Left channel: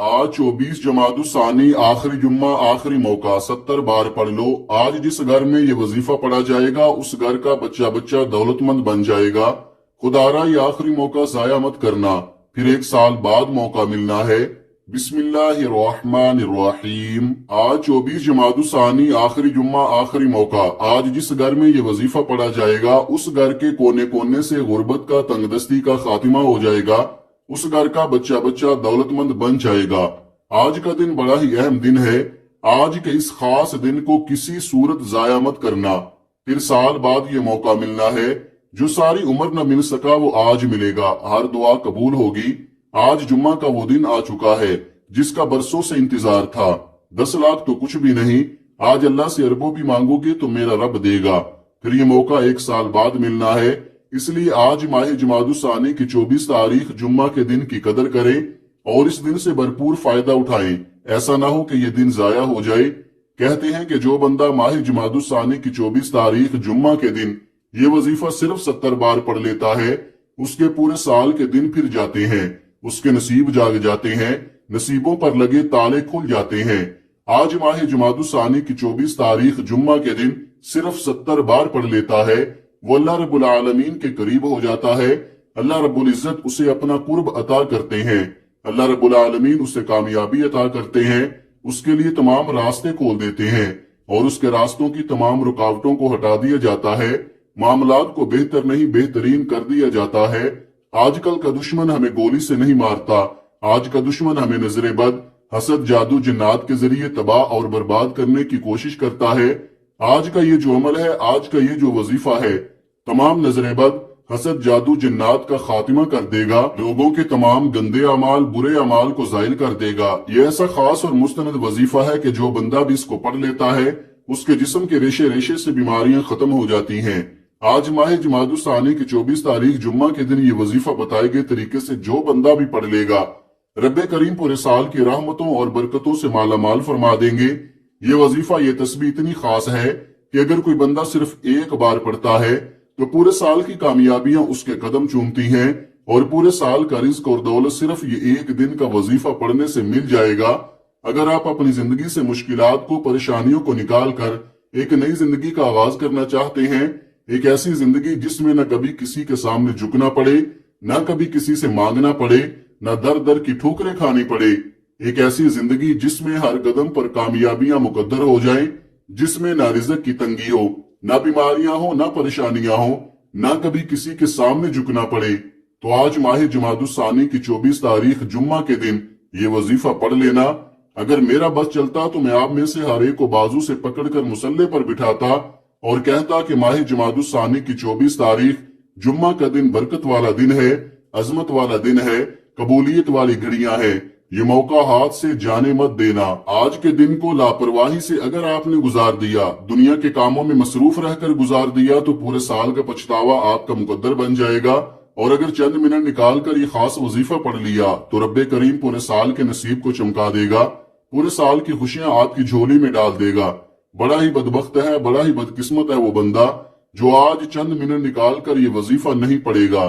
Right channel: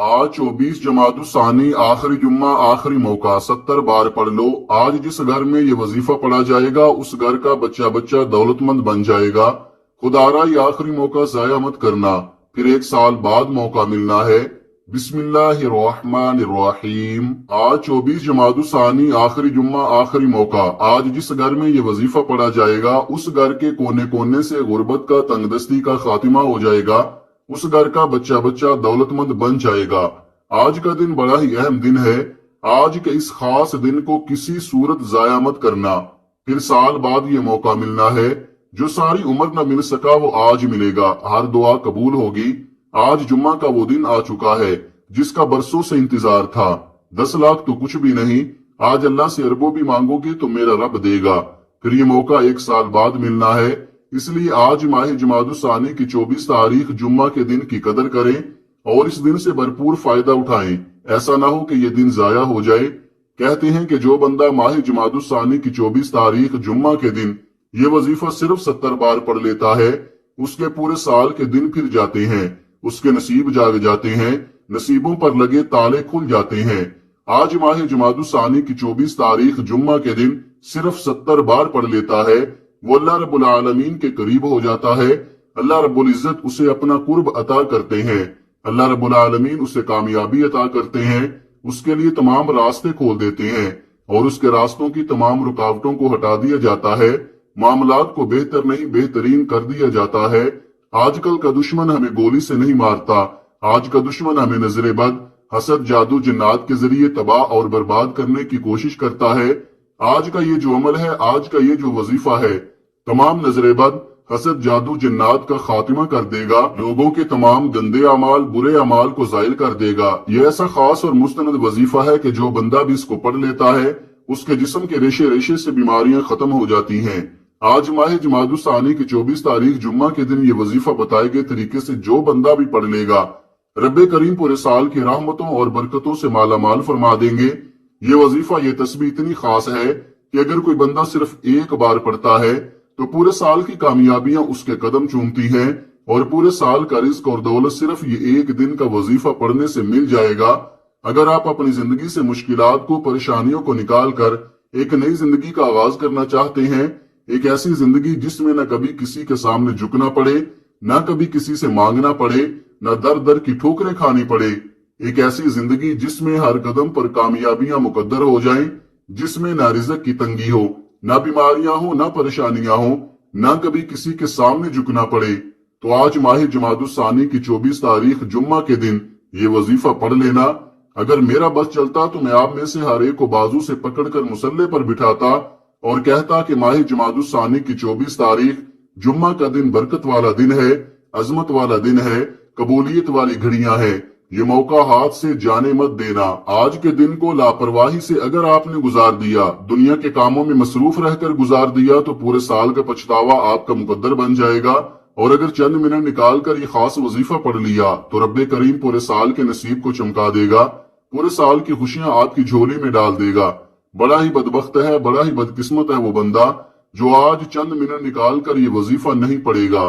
आज 24 जमादुस्सानी आखिरी जुम्मा आखिरी मौका 70 बार पढ़ लो। आज जिस घर में ये वजीफा पढ़ा जाएगा उस घर का बच्चा बच्चा दौलतमंद बन जाएगा। खुदारा ये आखिरी मौका जाया मत करना, फिर 1 साल बाद मौका मिलना है। बिस्मिल्लाहिर्रहमानिर्रहीम। आज 24 जमादुस्सानी आखिरी जुम्मा आखिरी मौका। आज जिस घर में ये वजीफा पढ़ा जाएगा उस घर के कोने कोने से गुर्बत का तंगदस्ती का खात्मा हो जाएगा। उस घर का बच्चा बच्चा दौलतमंद बन जाएगा। आज का दिन बड़ा ही अहम दिन है। आज के इस खास दिन को किसी सूरत जाया मत करना, फिर साल बाद ये मौका मिलना है। जो सारी उम्र न मिल सका वो आज मिलेगा। हर दुआ कबूल होगी। आज जुम्मा का वो दिन आ चुका है जिसका बरसों से इंतजार था। 10 लाख तो कुछ भी नहीं, आज अल्लाह से अरबों भी मांगोगे तो मेरा रब देगा। फिर ये मौका 1 साल बाद मिलना है। इसलिए आज माह जमादुस्सानी की 24 तारीख जुम्मा के दिन की कदर करें और इस दिन से भरपूर फायदा उठाएं। ऐसा ना हो कि ये दिन जाया हो जाए। कहते हैं कि जो बंदा माह जमादुस्सानी की 24 तारीख जुम्मा के दिन ये वजीफा सिर्फ 70 बार पढ़ लेता है, उसके पूरे साल के दिन फिर जाते हैं, उसके नसीब जाग जाते हैं, नसीबों पर लगे ताले खुल जाते हैं। आज माह जमादुस्सानी की 24 तारीख जुम्मा के दिन सिर्फ 70 बार पढ़ लेता है, वो अल्लाह रब्बुल आलमीन के करीब हो जाता है। अल्लाह रब्बुल इज्जत उसे अपना कुर्ब अता करते हैं। अल्लाह रब्बुल आलमीन उसे कामयाबी अता करते हैं, उसके लिए तमाम रास्ते खोल देते हैं और उसके रास्तों की तमाम रुकावटों को हटा दिया जाता है। मामलात को बेहतर नहीं बेहतरीन कर दिया जाता है। आजकल का दुश्मन हमें गोली से नहीं मारता, आज का दुश्मन हमें नजरे बद, हसद, जादू, जिन्नात के जरिए तबाह और बर्बाद करने की कोशिश करता है। आज का ये जो अमल है, आज का ये जो वजीफा है, तमाम नजरे बद, हसद, जादू, जिन्नात का खात्मा कर देगा। लोगों के तमाम गंदे अमाल, बुरे अमाल को जायल कर देगा। ये ऐसा खास और मुस्तनद वजीफा है कि जो बंदा भी इसको पढ़ लेता है उसके जिस्म के रेशे रेशे से बीमारियां खत्म हो जाती हैं। आज माह जमादुस्सानी की 24 तारीख जुम्मा के दिन ये वजीफा बताए गए तरीके से जो बंदा भी पढ़ लेगा, रब्बे करीम पूरे साल की रहमतों और बरकतों से माला माल फरमा देंगे। ये वजीफा, ये तस्बीह इतनी खास है कि अगर कोई बंदा सिर्फ 1 बार पढ़ता है तो पूरे साल की कामयाबियां उसके कदम चूमती हैं और पूरे साल का रिज्क और दौलत सिर्फ ये 1 दिन का वजीफा पढ़ने से मिल जाएगा। अगर आप अपनी जिंदगी से मुश्किलात को, परेशानियों को निकाल कर एक नई जिंदगी का आगाज करना चाहते हैं, एक ऐसी जिंदगी जिसमें न कभी किसी के सामने झुकना पड़े, न कभी किसी से मांगना पड़े, न दर दर की ठोकरें खानी पड़े, एक ऐसी जिंदगी जिसमें हर कदम पर कामयाबियां मुकद्दर हो जाएं, जिसमें ना रिज़्क की तंगी हो, ना बीमारियां हो, ना परेशानियां हो, ना कभी किसी के सामने झुकना पड़े, तो आज माह जमादुस्सानी की 24 तारीख जुम्मा के दिन ये वजीफा पढ़ लेना। अगर मेरा बस चलता तो मैं आप में से हर एक को बाजू से पकड़कर मुसल्ले पर बिठाता और कहता कि माह जमादुस्सानी की 24 तारीख जुम्मा का दिन बरकत वाला दिन है, अजमत वाला दिन है, कबूलियत वाली घड़ियां हैं। ये मौका हाथ से जाने मत देना। आज के दिन को लापरवाही से अगर आपने गुजार दिया, दुनिया के कामों में मसरूफ रहकर गुजार दिया, तो पूरे साल का पछतावा आपका मुकद्दर बन जाएगा। और अगर चंद मिनट निकाल कर ये खास वजीफा पढ़ लिया तो रब्बे करीम पूरे साल के नसीब को चमका देगा, पूरे साल की खुशियां आपकी झोली में डाल देगा। बड़ा ही बदबख्त है, बड़ा ही बदकिस्मत है वो बंदा जो आज चंद मिनट निकाल कर ये वजीफा नहीं पढ़ेगा।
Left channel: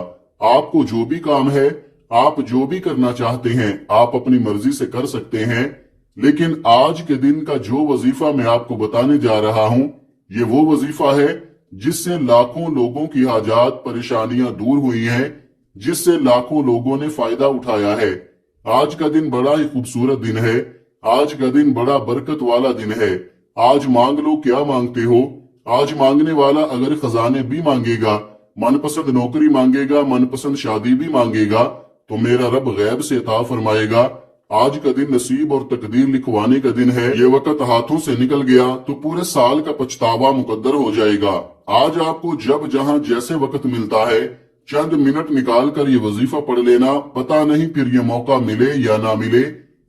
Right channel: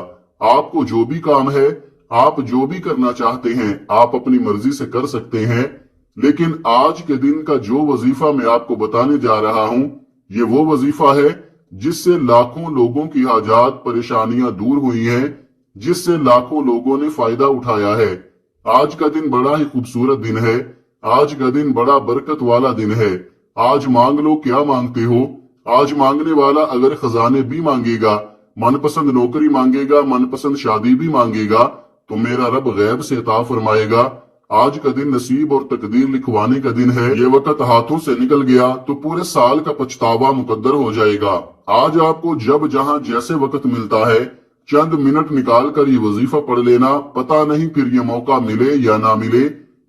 आपको जो भी काम है, आप जो भी करना चाहते हैं, आप अपनी मर्जी से कर सकते हैं, लेकिन आज के दिन का जो वजीफा मैं आपको बताने जा रहा हूं, ये वो वजीफा है जिससे लाखों लोगों की हाजात, परेशानियां दूर हुई हैं, जिससे लाखों लोगों ने फायदा उठाया है। आज का दिन बड़ा ही खूबसूरत दिन है, आज का दिन बड़ा बरकत वाला दिन है। आज मांग लो क्या मांगते हो। आज मांगने वाला अगर खजाने भी मांगेगा, मनपसंद नौकरी मांगेगा, मनपसंद शादी भी मांगेगा, तो मेरा रब गैब से अता फरमाएगा। आज का दिन नसीब और तकदीर लिखवाने का दिन है। ये वक्त हाथों से निकल गया तो पूरे साल का पछतावा मुकद्दर हो जाएगा। आज आपको जब जहां जैसे वक्त मिलता है, चंद मिनट निकाल कर ये वजीफा पढ़ लेना। पता नहीं फिर ये मौका मिले या ना मिले।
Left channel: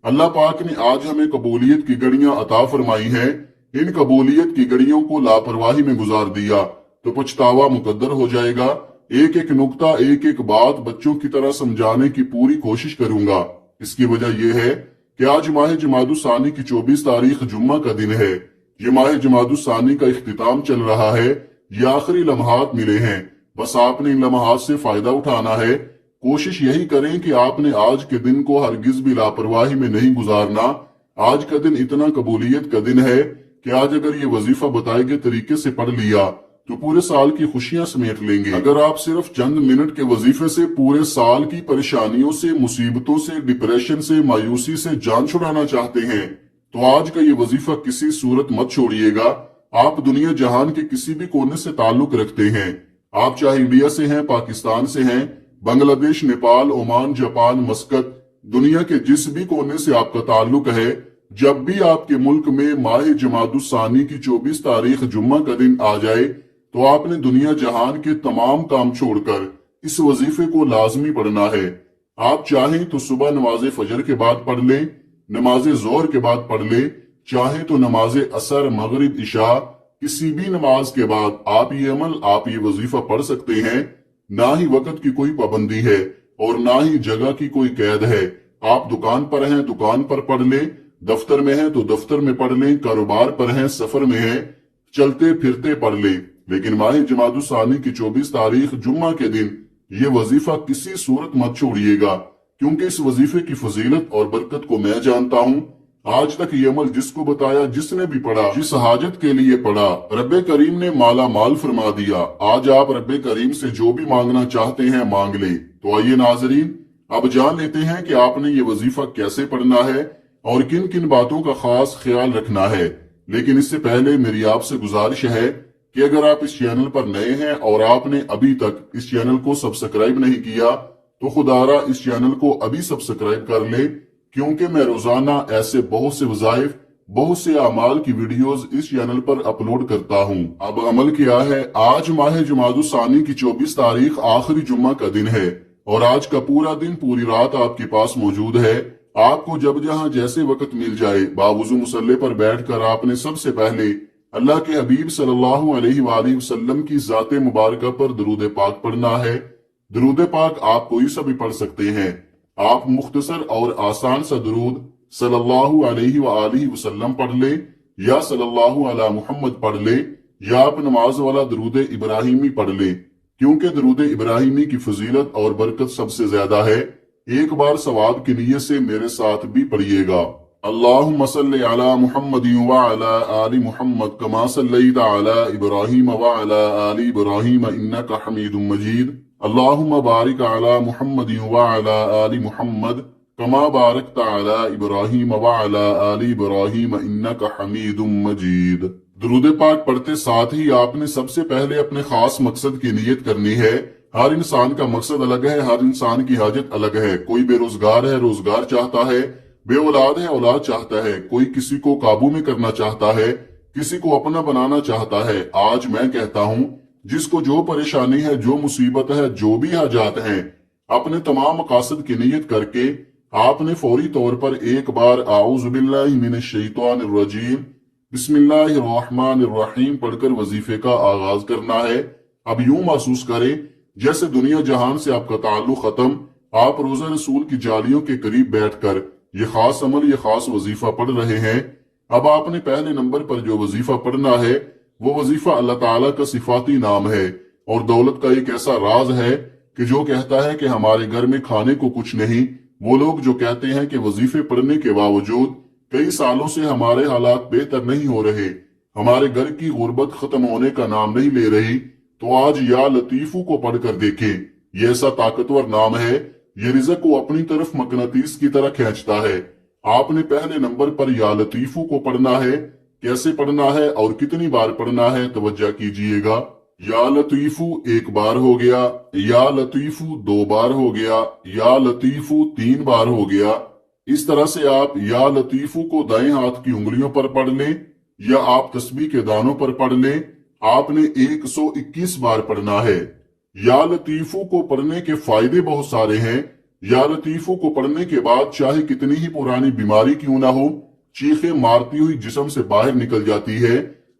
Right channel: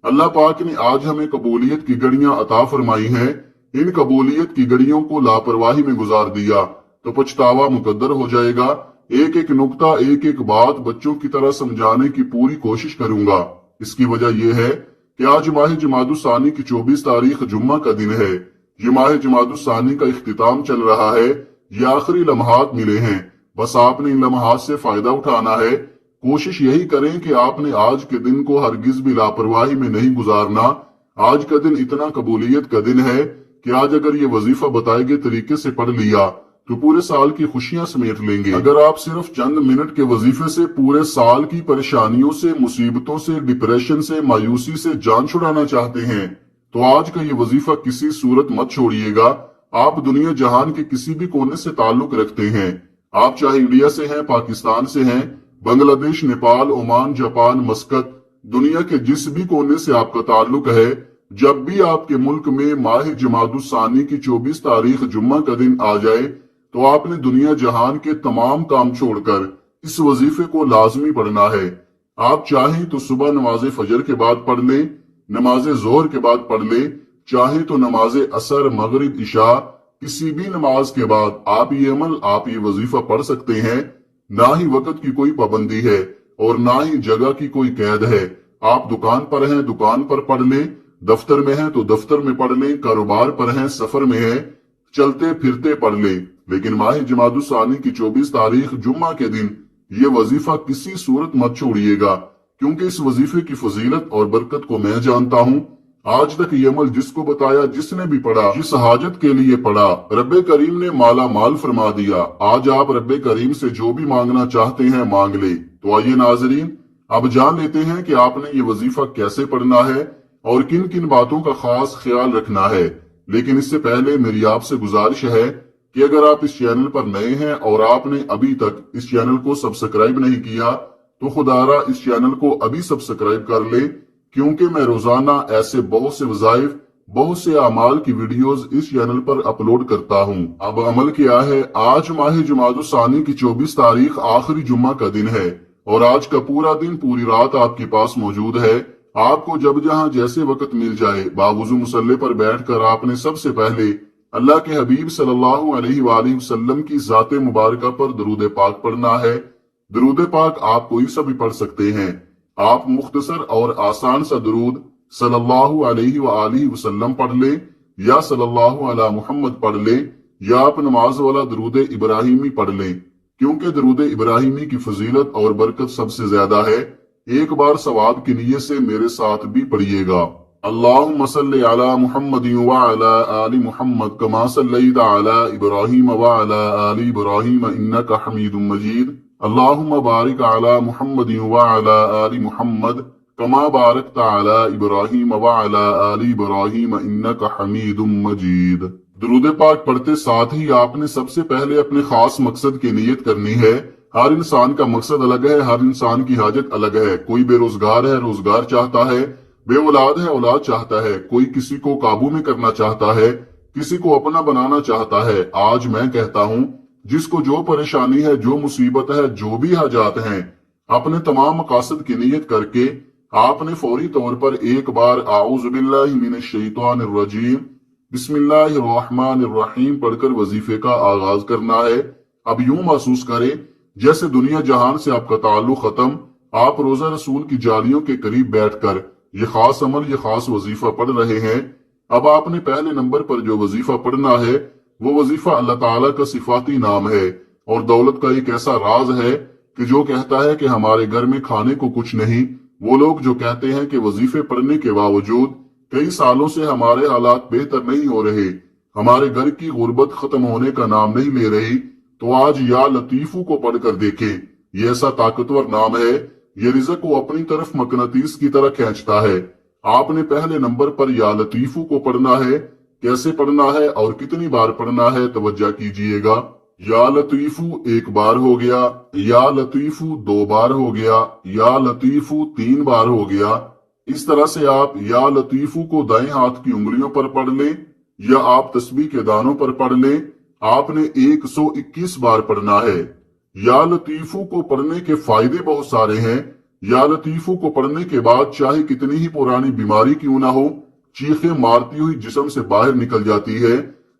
अल्लाह पाक ने आज हमें कबूलियत की घड़ियां अता फरमाई है। इन कबूलियत की घड़ियों को लापरवाही में गुजार दिया तो पछतावा मुकद्दर हो जाएगा। एक एक नुक्ता, एक एक बात बच्चों की तरह समझाने की पूरी कोशिश करूंगा। इसकी वजह यह है कि आज माह जमादुस्सानी की 24 तारीख जुम्मा का दिन है। ये माह जमादुस्सानी का इख्तिताम चल रहा है। ये आखिरी लम्हात मिले हैं, बस आपने इन लम्हात से फायदा उठाना है। कोशिश यही करें कि आपने आज के दिन को हरगिज भी लापरवाही में नहीं गुजारना। आज का दिन इतना कबूलियत का दिन है कि आज अगर ये वजीफा बताए गए तरीके से पढ़ लिया तो पूरे साल की खुशियां समेट लेंगे। अगर आप सिर्फ चंद मिनट के वजीफे से पूरे साल की परेशानियों से, मुसीबतों से, डिप्रेशन से, मायूसी से जान छुड़ाना चाहते हैं तो आज का ये वजीफा किसी सूरत मत छोड़िएगा। आप दुनिया जहान के किसी भी कोने से ताल्लुक रखते हैं, आप चाहे इंडिया से हैं, पाकिस्तान से हैं, बांग्लादेश, नेपाल, ओमान, जापान, मस्कत, दुनिया के जिस भी कोने से आपका ताल्लुक है, जब भी आपके मुल्क में माह जमादुस्सानी की 24 तारीख जुम्मा का दिन आ जाए तो आपने दुनिया जहान के तमाम काम छोड़कर इस वजीफे को लाजमी पढ़ना है। आप चाहें तो सुबह नमाज फजर के बाद पढ़ लें, नमाज जोहर के बाद पढ़ लें, चाहे तो नमाज असर, मगरिब, इशा, किसी भी नमाज के बाद आप ये अमल, आप ये वजीफा पढ़ सकते हैं। ना ही वक्त की कोई पाबंदी है और ना ही जगह की कोई कैद है। आप दुकान पर हैं, दुकान पर पढ़ लें, दफ्तर में हैं तो दफ्तर में पढ़ लें, कारोबार पर हैं, सफर में हैं, चलते फिरते पढ़ लें। लेकिन माह जमादुस्सानी की 24 तारीख जुम्मा के दिन ये वजीफा किसी सूरत मत छोड़िएगा, क्योंकि इस वजीफे की फजीलत और बरकत को मैं जानता हूँ। आज तक ये अमल जिसको बताया, जिसने भी पढ़ा, जिस हाजत के लिए पढ़ा, रब्बे करीम ने माला माल फरमा दिया। आज आप रब्बे करीम से जो भी मांगना चाहते हैं मांग ले। तो आइए नाजरीन, अब जान लेते हैं कि आपने ये वजीफा कैसे पढ़ना है और किन किन बातों का खास ख्याल रखना है। लेकिन इससे पहले मेरी आपसे गुजारिश है कि अगर आप इस चैनल पर नए हैं और आपने अभी तक इस चैनल को सब्सक्राइब नहीं किया तो खुदारा इस चैनल को अभी सब्सक्राइब कर ले, क्योंकि मैं रोजाना ऐसे बहुत से वज़ाइफ, बहुत से अमाल की वीडियोस इस चैनल पर अपलोड करता हूं। अब अमल क्या है, आज माह जुमादुस्सानी की 24 तारीख आखिरी जुम्मा का दिन है और आज का पूरा दिन, पूरी रात आपके पास मौजूद है। आपको जब जहां जैसे वक्त मिल जाए, बावुजू मुसल्ले पर बैठकर आपने सबसे पहले अल्लाह के हबीब सल्लल्लाहु अलैहि वसल्लम की जाते मुबारका पर दरूद पाक पढ़ना है। दरूद पाक आप कोई सा भी पढ़ सकते हैं। आप मुख्तसर और आसान सा दरूद सल्लल्लाहु अलैहि वसल्लम पढ़ ले या सल्लल्लाहु अला मुहम्मद पढ़ ले या आप नमाज वाला दरूद इब्राहिमी पढ़ ले, क्योंकि दरूद इब्राहिमी की फजीलत और बरकत सबसे ज्यादा है। एक बार सवाब की नीयत से मेरे साथ भी पढ़िएगा। अल्लाहुम्मा सल्लि अला मुहम्मद व अला आलि मुहम्मद कमा सल्लैता अला इब्राहीम व अला आलि इब्राहीम इन्नका हमीदुम मजीद। अल्लाहुम्मा बारिक अला मुहम्मद व अला आलि मुहम्मद कमा बारकता अला इब्राहीम व अला आलि इब्राहीम इन्नका हमीदुम मजीद। दुरूद पाक पढ़ते साथ ही आपने सबसे पहले अपने खास मकसद की नियत करनी है। हर इंसान का मकसद अलग है, हर इंसान की हाजत अलग है। कोई बेरोजगार है, रोजगार चाहता है, बे औलाद है, औलाद चाहता है, कोई किसी को काबू में करना चाहता है, किसी को अपना बनाना चाहता है। आज मैं कहता हूँ, जिसको जो परेशानी है, जो मुसीबत है, जो भी हाजात हैं, अपने तमाम मकासद की नियत करके आपने फौरी तौर पर एक बार आऊज़ु बिल्लाहि मिनश शैतानिर रजीम बिस्मिल्लाहिर रहमानिर रहीम पढ़कर वजीफे का आगाज करना है। अब यूं महसूस करें जैसे दुनिया जहान से आपका ताल्लुक खत्म, आप रोजा रसूल की जालियों के करीब बैठकर ये खास अमल, ये खास वजीफा पढ़ रहे हैं। अब आपने पहले नंबर पर जो वजीफा पढ़ना है वो वजीफा अल्लाह ताला का सिफाती नाम है और दौलत का एक ऐसा राज है कि जो कहता है कि हमारे घर में खाने को कुछ नहीं। वो लोग जो कहते हैं कि वजीफे पढ़ने के बावजूद कई सालों से हमारे हालात बेहतर नहीं हो रहे, हमारे घर की गुर्बत खत्म होने का नाम नहीं ले रही, तो आज या लतीफू को पढ़कर देखे। ये ऐसा ताकतवर नाम है, ये रिज़्क को अपनी तरफ मकनातीस की तरह खींचता है। आपने पहले नंबर पर या लतीफू को पढ़ना है। कैसे पढ़ना है और कितनी बार पढ़ना है, तवज्जो कीजिएगा। या लतीफू एक बार हो गया, या लतीफू दो बार हो गया, या लतीफू तीन बार हो गया। इस तरह से आप या लतीफू को दाएं हाथ की उंगलियों पर पढ़ लें या आप तस्बीह के दानों पर पढ़ लें। आपने 121 बार पढ़ना है। या लतीफू को पढ़ने के फायदे बहुत सारे हैं। या लतीफू को पढ़ने के बाद चाहे कितनी ही पुरानी बीमारी क्यों ना हो, चीखें मारती हुई जिस्म से बाहर निकल जाती है।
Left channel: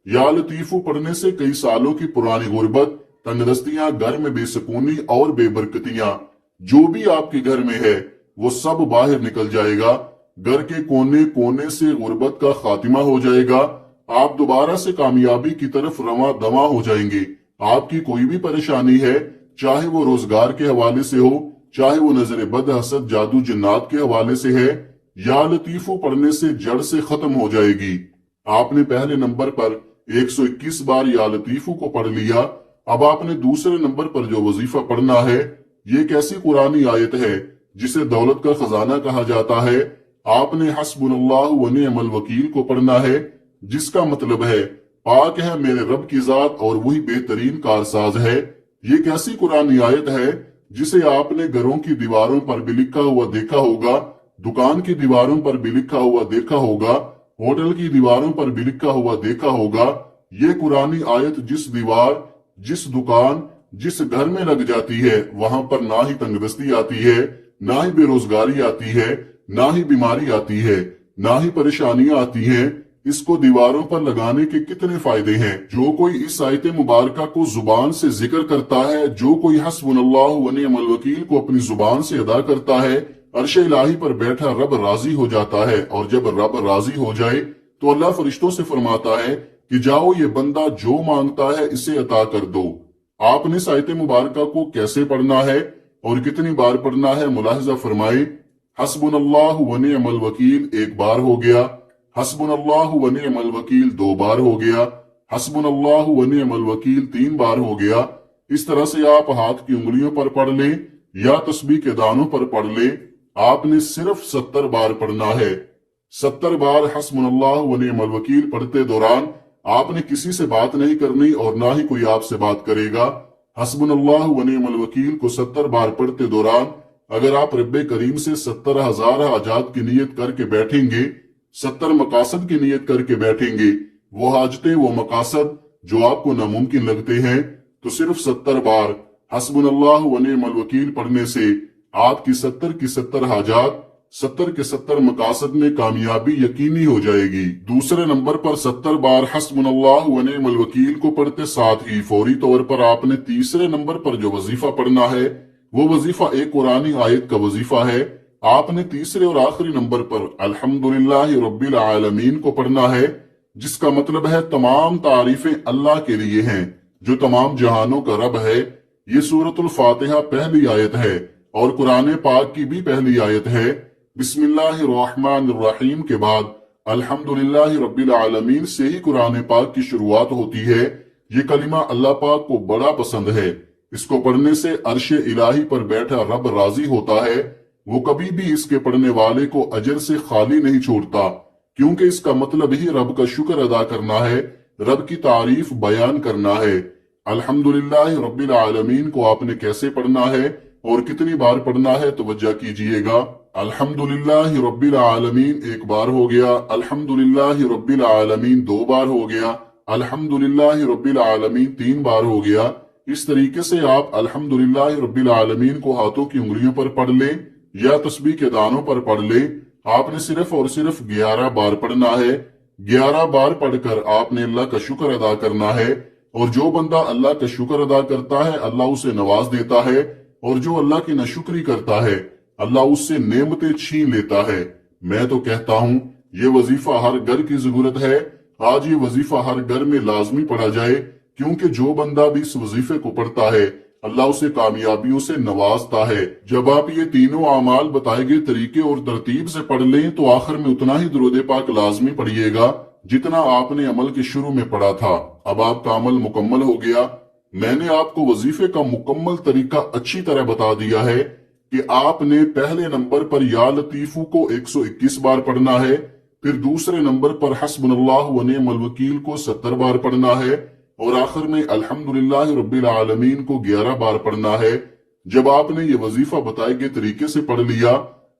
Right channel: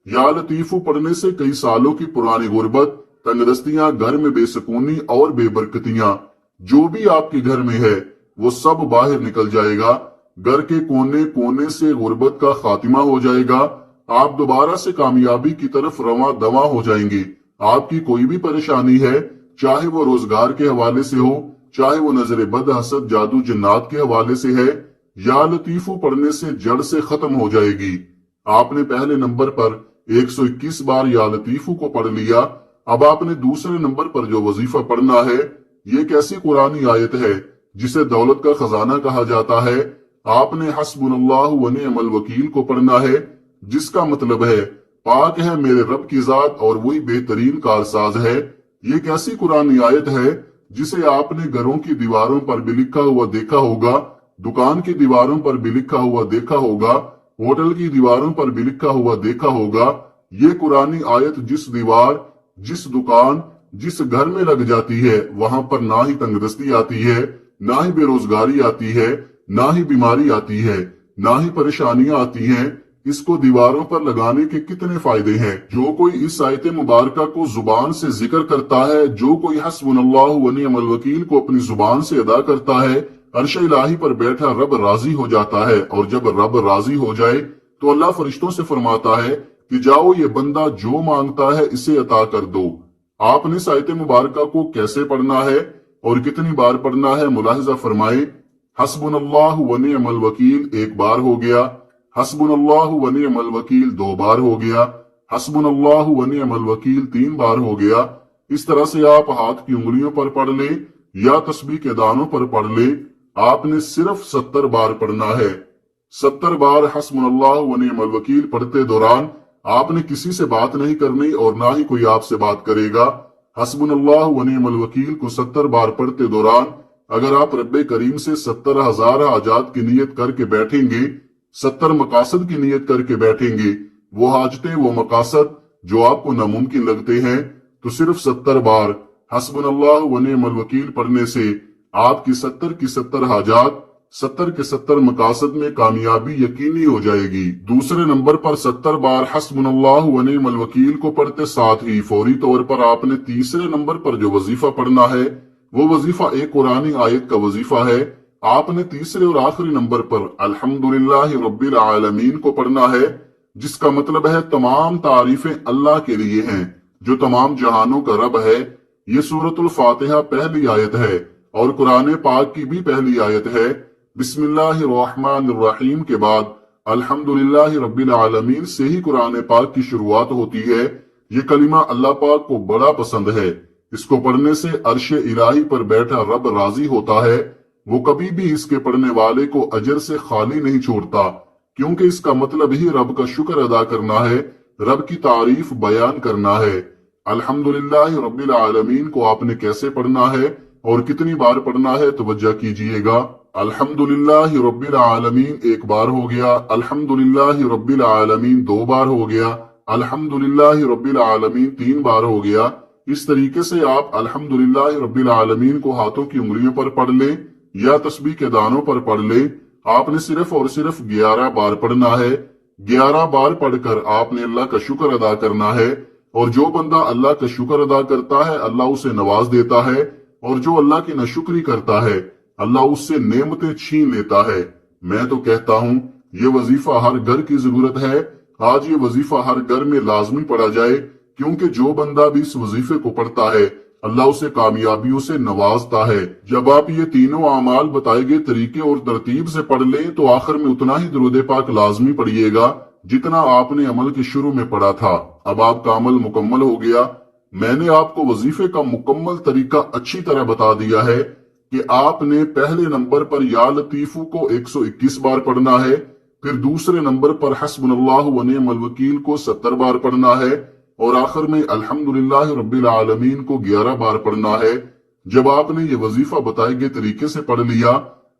या लतीफू पढ़ने से कई सालों की पुरानी गुर्बत, तंगदस्तियां, घर में बेसकूनी और बेबरकतियां जो भी आपके घर में है वो सब बाहर निकल जाएगा। घर के कोने कोने से गुर्बत का खात्मा हो जाएगा। आप दोबारा से कामयाबी की तरफ रवां दवा हो जाएंगे। आपकी कोई भी परेशानी है, चाहे वो रोजगार के हवाले से हो, چاہے وہ نظر بد، حسد، جادو، جنات کے حوالے سے ہے، یا لطیفو پڑھنے سے جڑ سے ختم ہو جائے گی۔ آپ نے پہلے نمبر پر 121 بار یا لطیفو کو پڑھ لیا، اب آپ نے دوسرے نمبر پر جو وظیفہ پڑھنا ہے، یہ ایک ایسی قرآنی آیت ہے جسے دولت کا خزانہ کہا جاتا ہے۔ آپ نے حسبنا اللہ و نعم الوکیل کو پڑھنا ہے، جس کا مطلب ہے پاک ہے میرے رب کی ذات اور وہی بہترین کارساز ہے۔ یہ ایک ایسی قرآنی آیت ہے جسے آپ نے گھروں کی دیواروں پر بھی لکھا ہوا دیکھا ہوگا، دکان کی دیواروں پر بھی لکھا ہوا دیکھا ہوگا، ہوٹل کی دیواروں پر بھی لکھا ہوا دیکھا ہوگا۔ یہ قرآنی آیت جس دیوار، جس دکان، جس گھر میں لگ جاتی ہے، وہاں پر نہ ہی تنگ دستی آتی ہے، نہ ہی بے روزگاری آتی ہے، نہ ہی بیماری آتی ہے، نہ ہی پریشانیاں آتی ہیں۔ اس کو دیواروں پر لگانے کے کتنے فائدے ہیں۔ جو کوئی اس آیت مبارکہ کو زبان سے ذکر کرتا ہے، جو کوئی حسبنا اللہ و نعم الوکیل کو اپنی زبان سے ادا کرتا ہے، عرش الہی پر بیٹھا رب راضی ہو جاتا ہے، اور جب رب راضی ہو جائے تو اللہ فرشتوں سے فرماتا ہے کہ جاؤ یہ بندہ جو مانگتا ہے اسے عطا کر دو۔ آپ نے اس آیت مبارکہ کو کیسے پڑھنا ہے اور کتنی بار پڑھنا ہے، ملاحظہ فرمائیں۔ حسبنا اللہ و نعم الوکیل ایک بار ہو گیا، حسبنا اللہ و نعم الوکیل 2 بار ہو گیا، حسبنا اللہ و نعم الوکیل 3 بار ہو گیا۔ اس طرح سے آپ ہاتھ کی انگلیوں پر پڑھ لیں یا تسبیح کے دانوں پر پڑھ لیں، آپ نے صرف 70 بار پڑھنا ہے۔ 70 بار حسبنا اللہ و نعم الوکیل پڑھتے دوران آپ نے کسی سے بات نہیں کرنی اور نہ ہی کوئی آپ سے بات کرے گا۔ حسبنا اللہ و نعم الوکیل کو 70 بار پڑھتے دوران اگر آپ رب کریم سے 70,000 حاجات کی نیت کر کے بیٹھیں گے، 70 مقاصد کی نیت کر کے بیٹھیں گے، وہ حاجتیں، وہ مقاصد جو آپ کو ناممکن لگتے ہیں، تو صرف 70 بار حسبنا اللہ و نعم الوکیل پڑھنے سے آپ کی 70 کی 70 حاجات، 70 کے 70 مقاصد میں کامیابی یقینی ہو جائے گی۔ دوسرے نمبر پر 70 بار حسبنا اللہ و نعم الوکیل کو پڑھتے ساتھ ہی فوری طور پر آپ نے تیسرے نمبر پر جو وظیفہ پڑھنا ہے، وہ وظیفہ ایک قرآنی آیت کا وظیفہ ہے۔ آپ نے تیسرے اور آخری نمبر پر الحمدللہ رب العالمین کو پڑھنا ہے، جس کا مطلب ہے تمام تعریفیں اللہ کے لیے ہیں جو تمام جہانوں کا رب ہے۔ یہ سورۃ الفاتحہ پہلی آیت ہے اور قرآن پاک کی بھی پہلی آیت ہے۔ بسم اللہ الرحمن الرحیم کے بعد الحمدللہ رب العالمین سے ہی قرآن پاک کی شروعات ہوتی ہے۔ یہ کلمہ اللہ پاک کو بڑا پسند ہے۔ اس کو پڑھنے سے عرش الہی پر بیٹھا رب راضی ہوتا ہے۔ وہ کبھی بھی اس کے پڑھنے والے کو اجر سے خالی نہیں چھوڑتا، کیونکہ اس کا مطلب ہی رب کا شکر ادا کرنا ہے، رب کی تعریف بیان کرنا ہے۔ الحمدللہ رب العالمین کو آپ نے کیسے پڑھنا ہے اور کتنی بار پڑھنا ہے، توجہ کیجئے گا۔ الحمدللہ رب العالمین ایک بار ہو گیا، الحمدللہ رب العالمین 2 بار ہو گیا، الحمدللہ رب العالمین 3 بار ہو گیا۔ اس طریقے سے آپ الحمدللہ رب العالمین کو ہاتھوں کی انگلیوں پر پڑھ لیں یا تسبیح کے دانوں پر پڑھ لیں۔ آپ نے صرف اور صرف 11 بار پڑھنا ہے۔ 11 بار پڑھ کر آپ نے اللہ کا شکر ادا کرنا ہے، اور جو بندہ اللہ کا شکر ادا کرتا ہے اللہ اسے نواز دیتا ہے، اور جو اللہ کی ناشکری کرتا ہے اللہ اس سے نعمتیں چھین لیتا ہے۔ میں تو کہتا ہوں یہ وظیفہ ہر گھر کی ضرورت ہے۔ آج یہ وظیفہ ہر گھر میں لازمی پڑھا جائے، کیونکہ جو بندہ بھی اس وظیفے کو پڑھتا ہے اللہ اسے کامیابیوں سے نوازتا ہے۔ جب آپ یہ تینوں اعمال بتائے گئے طریقے اور ترتیب سے پڑھ لیں تو آخر میں اتنا ہی درود پاک لازمی پڑھیے گا جتنا آپ نے عمل کے شروع میں پڑھا تھا۔ اب آپ کا عمل مکمل ہو گیا۔ میں نے آپ کو وظیفے کا مکمل طریقہ اچھی طرح بتا دیا ہے کہ آپ نے پہلے نمبر پر یا لطیفو کو 121 بار پڑھنا ہے، پھر دوسرے نمبر پر حسبنا اللہ و نعم الوکیل کو 70 بار پڑھنا ہے، اور آخر میں الحمدللہ رب العالمین کو 11 بار پڑھنا ہے۔ جب آپ نے یہ وظیفہ بتائے گئے طریقے سے پڑھ لیا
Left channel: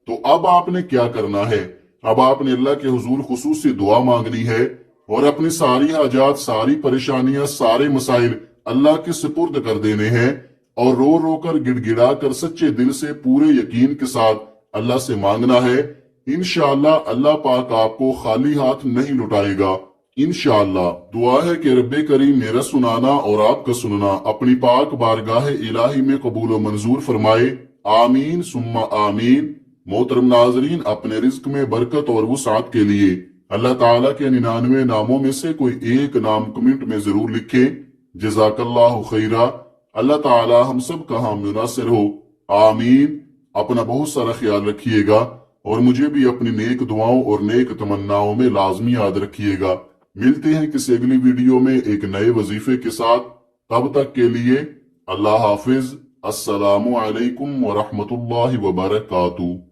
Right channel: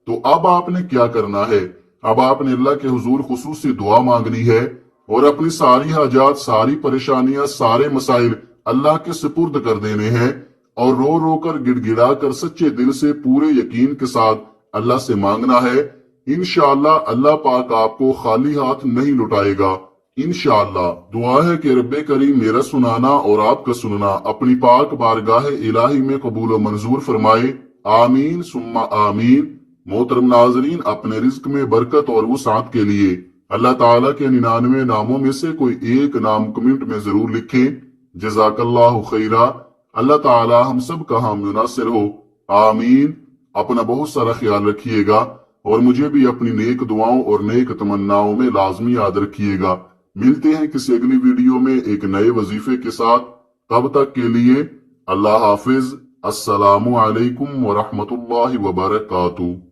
تو اب آپ نے کیا کرنا ہے؟ اب آپ نے اللہ کے حضور خصوصی دعا مانگنی ہے اور اپنی ساری حاجات، ساری پریشانیاں، سارے مسائل اللہ کے سپرد کر دینے ہیں، اور رو رو کر گڑ گڑا کر سچے دل سے پورے یقین کے ساتھ اللہ سے مانگنا ہے۔ انشاءاللہ اللہ پاک آپ کو خالی ہاتھ نہیں لٹائے گا۔ انشاءاللہ دعا ہے کہ رب کریم میرا سنانا اور آپ کا سننا اپنی پاک بارگاہ الہی میں قبول و منظور فرمائے، آمین ثم آمین۔ محترم ناظرین، اپنے رزق میں برکت اور وسعت کے لیے اللہ تعالیٰ کے 99 ناموں میں سے کوئی ایک نام کمنٹ میں ضرور لکھیں۔ جزاک اللہ خیرہ۔ اللہ تعالیٰ ہم سب کا حامی و ناصر ہو۔ آمین۔ اپنا بہت سارا خیال رکھیے گا اور مجھے بھی اپنی نیک دعاؤں اور نیک تمناؤں میں لازمی یاد رکھیے گا۔ ملتے ہیں کسی اگلی ویڈیو میں ایک نئے وظیفے کے ساتھ، تب تک کے لیے اللہ حافظ۔ السلام علیکم ورحمۃ اللہ وبرکاتہ۔